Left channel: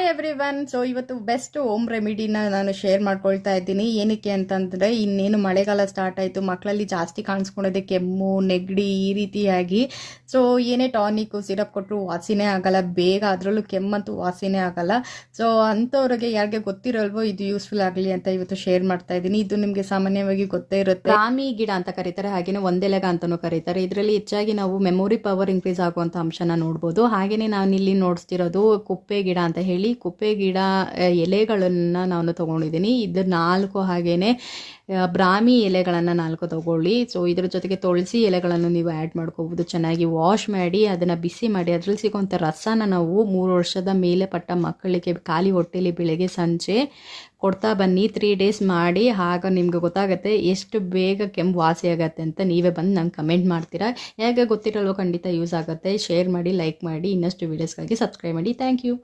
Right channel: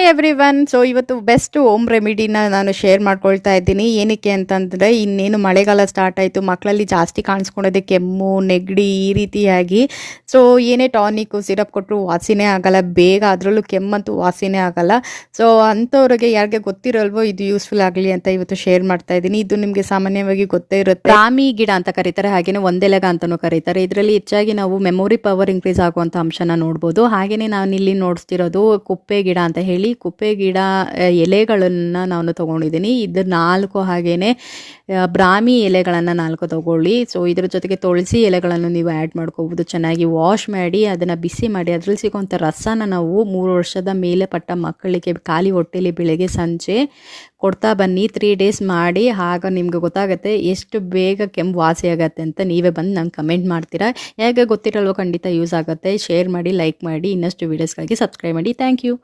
Hi everyone. So ಇವತ್ತು best home ರೆಮಿಡಿನ ನಾನು share ಮಾಡ್ಕೊಳ್ತಾ ಇದ್ದೀನಿ. ಏನಕ್ಕೆ ಅಂತಂದರೆ ಇನ್ನೇನು ಮಳೆಗಾಲ ಸ್ಟಾರ್ಟ್ ಆಯಿತು, ಮಕ್ಕಳಲ್ಲಿ ಜಾಸ್ತಿ ಕಾಣಿಸ್ಕೊಳ್ಳೋದೆ ಕೆಮ್ಮು ನೆಗಡಿ ಈ ರೀತಿಯಾಗಿ. ಸೊ ಏನೇ ಟಾನಿಕ್ಕು ಸಿರಪ್ ಕೊಟ್ಟರು ವಾಸಿನೇ ಆಗಲ್ಲ ಬೇಗ, ಅದರಲ್ಲೂ ಕೆಮ್ಮಂತೂ ವಾಸಿನೇ ಆಗಲ್ಲ. ಸೊ ಅಂಥವ್ರಿಗೆ ಯಾರಿಗೆ ಗೊತ್ತಿರಲ್ವೋ ಇದು ಯೂಸ್ಫುಲ್ ಆಗಲಿ ಅಂತ ಇವತ್ತು ಶೇರ್ ಮಾಡ್ತಾ ಇದ್ದೀನಿ. ಇದು ನಿಮಗೆ ಸಾಮಾನ್ಯವಾಗಿ ಗೊತ್ತೇ ಇರುತ್ತೆ, ರಾಮಿ ಗಿಡ ಅಂತ ಕರೀತಾರೆ, ಹಾಗೆಯೇ ಒಂದೆಲಗ ಅಂತಲೂ ಕರೀತಾರೆ. ಇದರಲ್ಲಿ ಹೆಚ್ಚಾಗಿ ನಾವು ಮೆಮೊರಿ ಪವರ್ ಇನ್ಕ್ರೀಸ್ ಆಗುವಂಥ ಅಂಶನ ನೋಡ್ಬೋದು. ಹಾಗೆಯೇ ನಾನು ಇಲ್ಲಿ ನೋಡಿಸ್ತಿರೋದು ಕುಪ್ಪೆ ಗಿಡ ಅಂತ ಹೇಳಿ. ಕುಪ್ಪೆ ಗಿಡ ಎಲೆಗಳನ್ನು ನಾನು ತೊಗೊಂಡಿದ್ದೀನಿ. ಇದು 4 ಹಾಗೆಯೇ ಬ್ರಾಹ್ಮಿ ಎಲೆಗಳನ್ನು 4 ತೊಗೊಳ್ಳಿ. ಸೊ ಇದ್ರ ಜೊತೆಗೆ ತುಳಸಿ ಎಲೆಗಳನ್ನು ನೀವು ಆ್ಯಡ್ ಮಾಡ್ಕೋಬೋದು. ಚೆನ್ನಾಗಿ ವಾಶ್ ಮಾಡಿ ಅದನ್ನು ಬಿಸಿ ಮಾಡಿ ಅದರಲ್ಲಿ ಸಿಗೋಂಥ ರಸನ ನಾವು 3 ವರ್ಷದ ಮೇಲೆ ಪಟ್ಟ ಮಕ್ಕಳಿಗೆ ಖಾಲಿ ಹೊಟ್ಟೆಲಿ ಬೆಳಗ್ಗೆ ಸಂಜೆ ಕೊಡ್ತಾ ಬನ್ನಿ. 3 ಡೇಸ್ ಮಾಡಿ, ಆಗ ನಿಮ್ಗೆ ಗೊತ್ತಾಗುತ್ತೆ ಎಷ್ಟು ಬೇಗ ಕೆಮ್ಮು ವಾಸಿ ಆಗುತ್ತೆ ಅಂತ. ನೀವೇ ಬಂದು ನಂಗೆ ಕಮೆಂಟ್ ಮಾಡ್ತೀರಾ. ಹೇಗೆ ಗೊತ್ತಿರಲ್ವೋ ಖಂಡಿತ ಯೂಸ್ ಆಗುತ್ತೆ. ಶೇರ್ ಮಾಡಿ, ಲೈಕ್ ಮಾಡಿ, ಇನ್ನಷ್ಟು ವೀಡಿಯೋಸ್ಗಾಗಿ ಸಬ್ಸ್ಕ್ರೈಬ್ ಮಾಡಿ. Thank you.